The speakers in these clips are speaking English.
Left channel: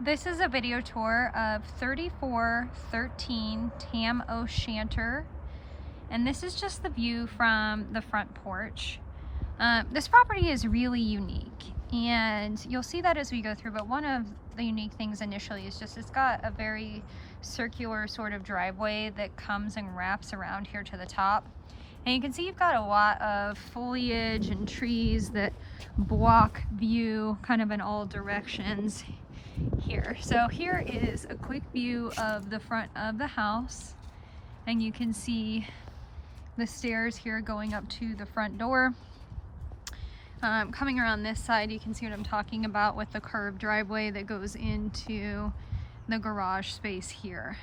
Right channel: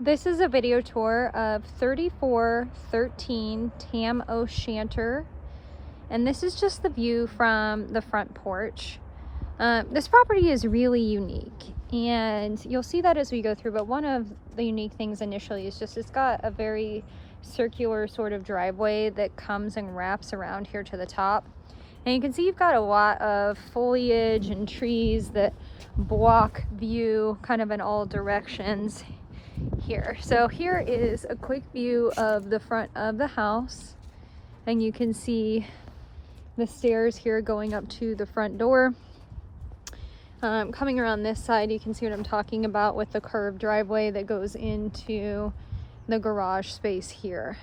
This is a video tour of 3413 Tam O'Shanter, and this is just the view from the front porch. This property is really unique, and you'll see that as we go through, but one of the unique things initially is just it's got a very circular sort of driveway that comes and wraps around here to the top. And you can see you've got a lot of foliage and trees that block view kind of in all directions here. So here is a quick view of the front of the house, and you can see the stairs here going up to the front door. Coming around this side, you can see what I'm talking about with the curved driveway that goes into the garage space here.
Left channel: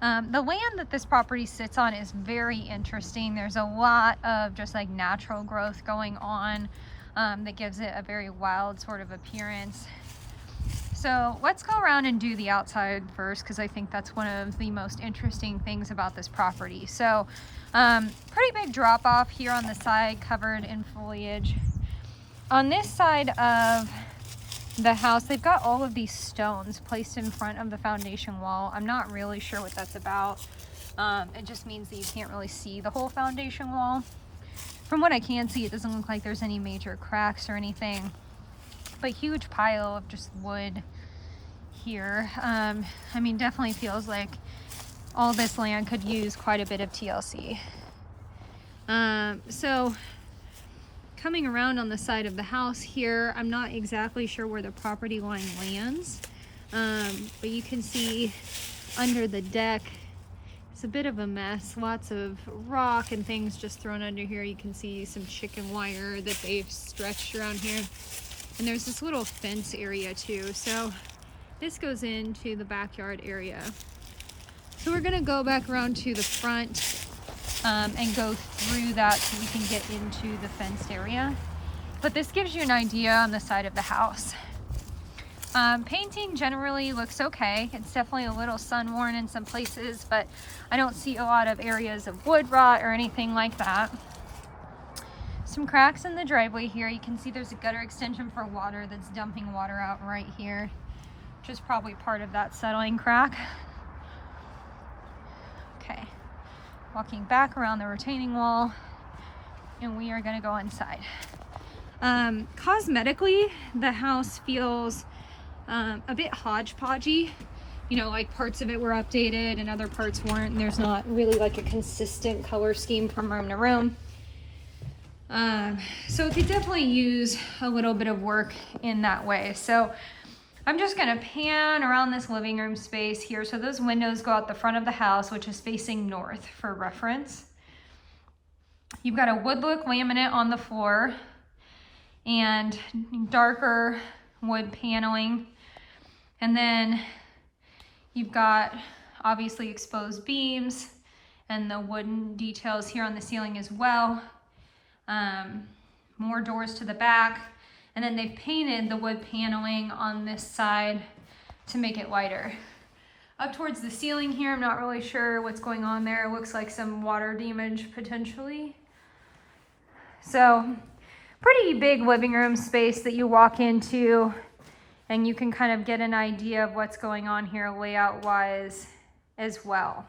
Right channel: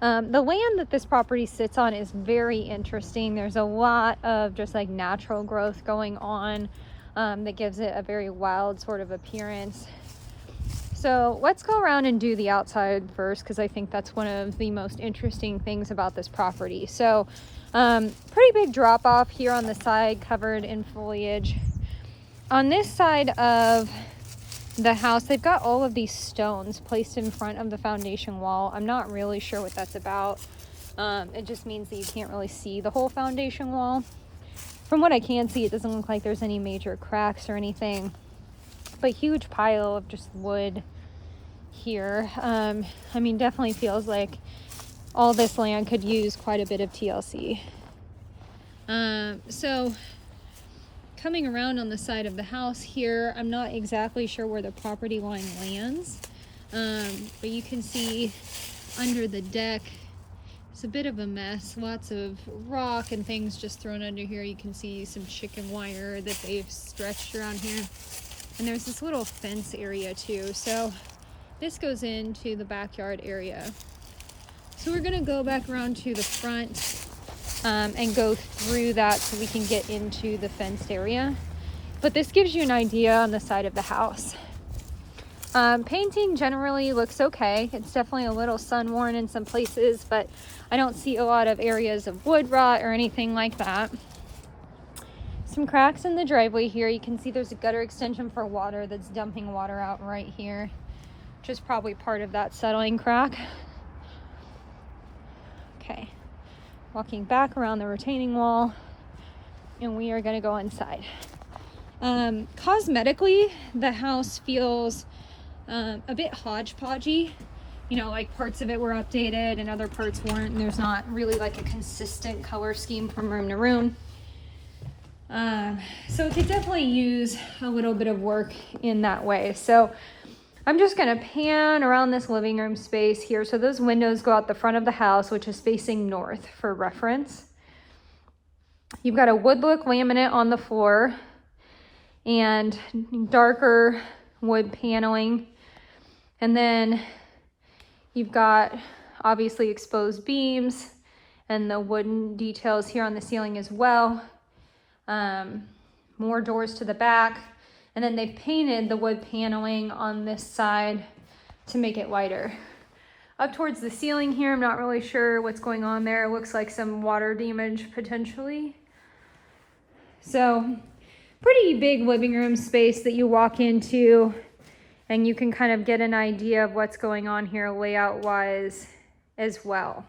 The land that this property sits on is very interesting. There's a lot of just like natural growth going on that gives it a very wild sort of appearance. So let's go around and do the outside first, because I think that's one of the most interesting things about this property. So pretty big drop off here on the side, covered in foliage. On this side of the house, they've got all of these stones placed in front of the foundation wall. I'm not really sure what that's about. It just means that you can't really see the whole foundation wall. From what I can see, it doesn't look like there's any major cracks or anything, but huge pile of just wood here. I mean, definitely feels like all this land could use quite a bit of TLC. So coming around on the side of the house here, I'm not exactly sure where the property line lands, but you can see under the deck it's a bit of a mess. Lots of rock and things just thrown under here. You can see some chicken wire that they've stretched around here, and there's this little fence area too. So this goes into the backyard area. So we're gonna go back around to the front and go through that so we can get into the fenced area. But this gives you an idea on the side of the house. Painting generally looks okay. It's definitely a little sun worn in some places, but I don't see a lot of areas of wood rot or anything like that. Some cracks in the driveway here. You can see there's a gutter extension for water that's dumping water out right here, which is probably part of that settling crack. Okay, walking back around the retaining wall, and we are going to go inside. Cosmetically, the house feels a bit hodgepodgey. You know, like parts of it were updated and other parts weren't, and there's not really like a consistent color scheme from room to room. So it could definitely use a little bit of work in that way. So I'm just gonna pan around this living room space here. So those windows go out the front of the house, which is facing north for reference. You've got a wood look laminate on the floor and darker wood paneling. And then you've got obviously exposed beams and the wooden details here on the ceiling as well. More doors to the back. And then they've painted the wood paneling on this side to make it lighter. Up towards the ceiling here, I'm not really sure what's going on there. It looks like some water damage potentially. So pretty big living room space that you walk into, and you can kind of get an idea of what's going on here layout wise as well.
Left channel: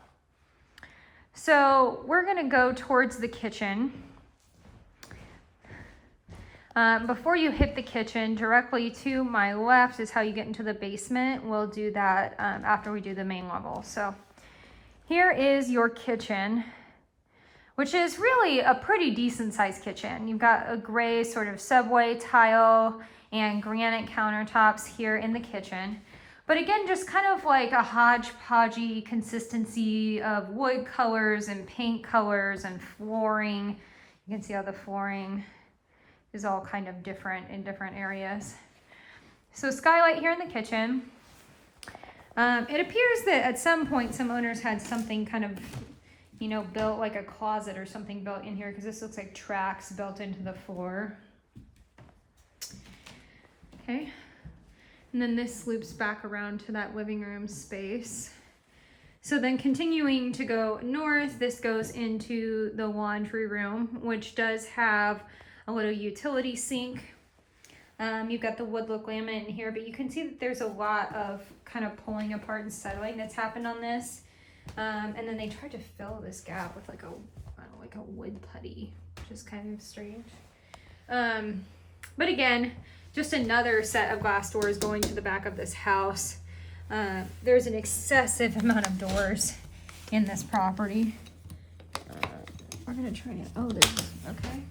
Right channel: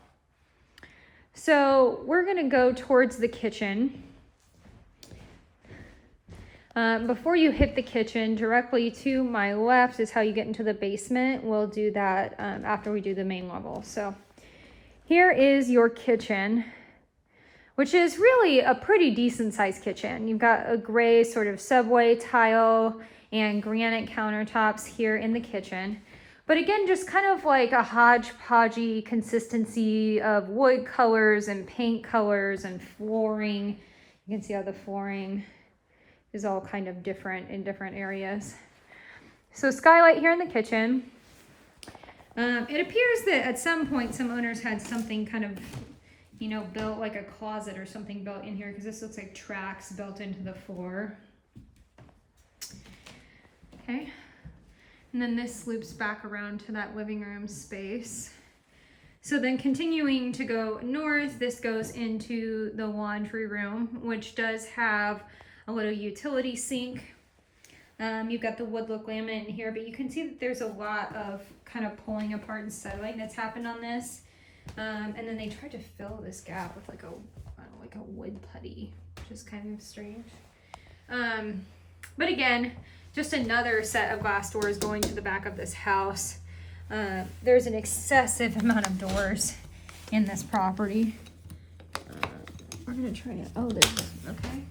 So we're gonna go towards the kitchen. Before you hit the kitchen, directly to my left is how you get into the basement. We'll do that after we do the main level. So here is your kitchen, which is really a pretty decent sized kitchen. You've got a gray sort of subway tile and granite countertops here in the kitchen. But again, just kind of like a hodgepodgey consistency of wood colors and paint colors and flooring. You can see how the flooring is all kind of different in different areas. So skylight here in the kitchen. It appears that at some point some owners had something kind of, you know, built like a closet or something built in here, because this looks like tracks built into the floor. Okay, and then this loops back around to that living room space. So then continuing to go north, this goes into the laundry room, which does have a little utility sink. You've got the wood look laminate in here, but you can see that there's a lot of kind of pulling apart and settling that's happened on this. And then they tried to fill this gap with like a, I don't know, like a wood putty, which is kind of strange. But again, just another set of glass doors going to the back of this house. There's an excessive amount of doors in this property. We're gonna try it. Oh, there's, okay.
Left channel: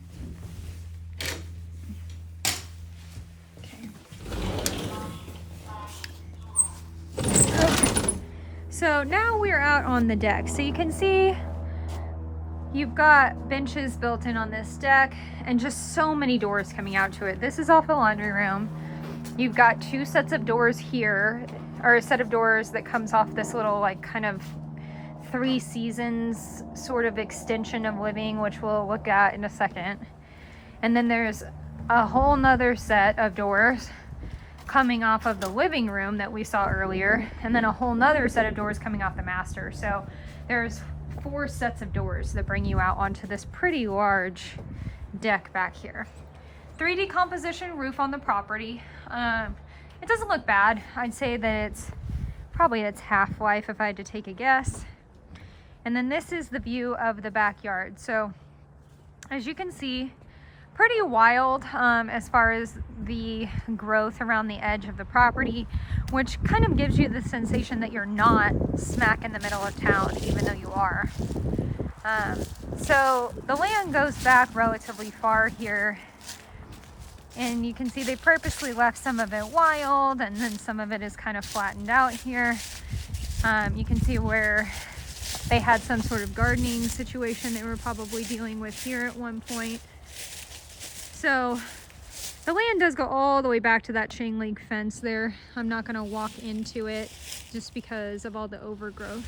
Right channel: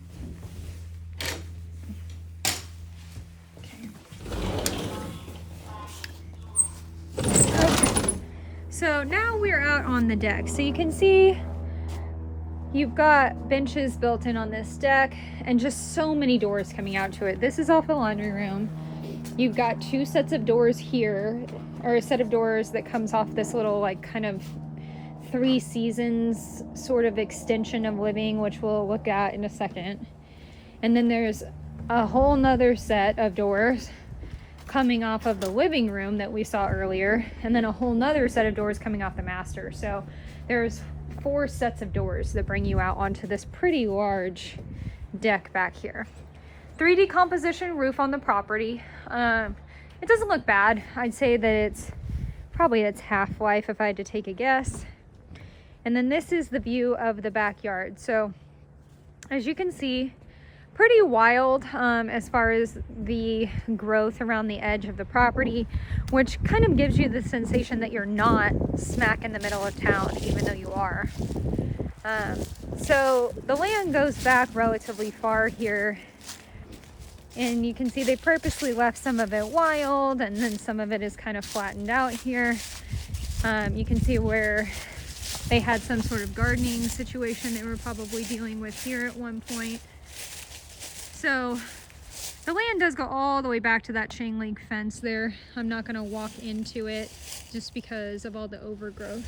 So now we're out on the deck. So you can see you've got benches built in on this deck and just so many doors coming out to it. This is off the laundry room. You've got two sets of doors here, or a set of doors that comes off this little like kind of Three Seasons sort of extension of living, which we'll look at in a second. And then there's a whole nother set of doors coming off of the living room that we saw earlier, and then a whole nother set of doors coming off the master. So there's 4 sets of doors that bring you out onto this pretty large deck back here. 3D composition roof on the property. It doesn't look bad. I'd say that it's probably its half-life if I had to take a guess. And then this is the view of the backyard. So as you can see, pretty wild as far as the growth around the edge of the property, which kind of gives you the sensation that you're not smack in the middle of town, even though you are. So the land goes back relatively far here, and you can see they purposely left some of it wild, and then some of it is kind of flattened out here. You can see where they had some sort of gardening situation they were probably dealing with here at one point. So the land does go all the way back to that chain link fence there. I'm not gonna walk into it just because of all the overgrowth.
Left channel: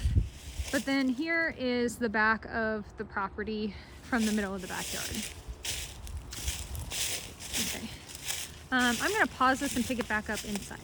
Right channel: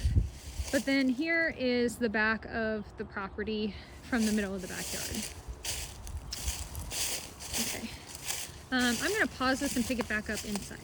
But then here is the back of the property from the middle of the backyard. Okay, I'm gonna pause this and pick it back up inside.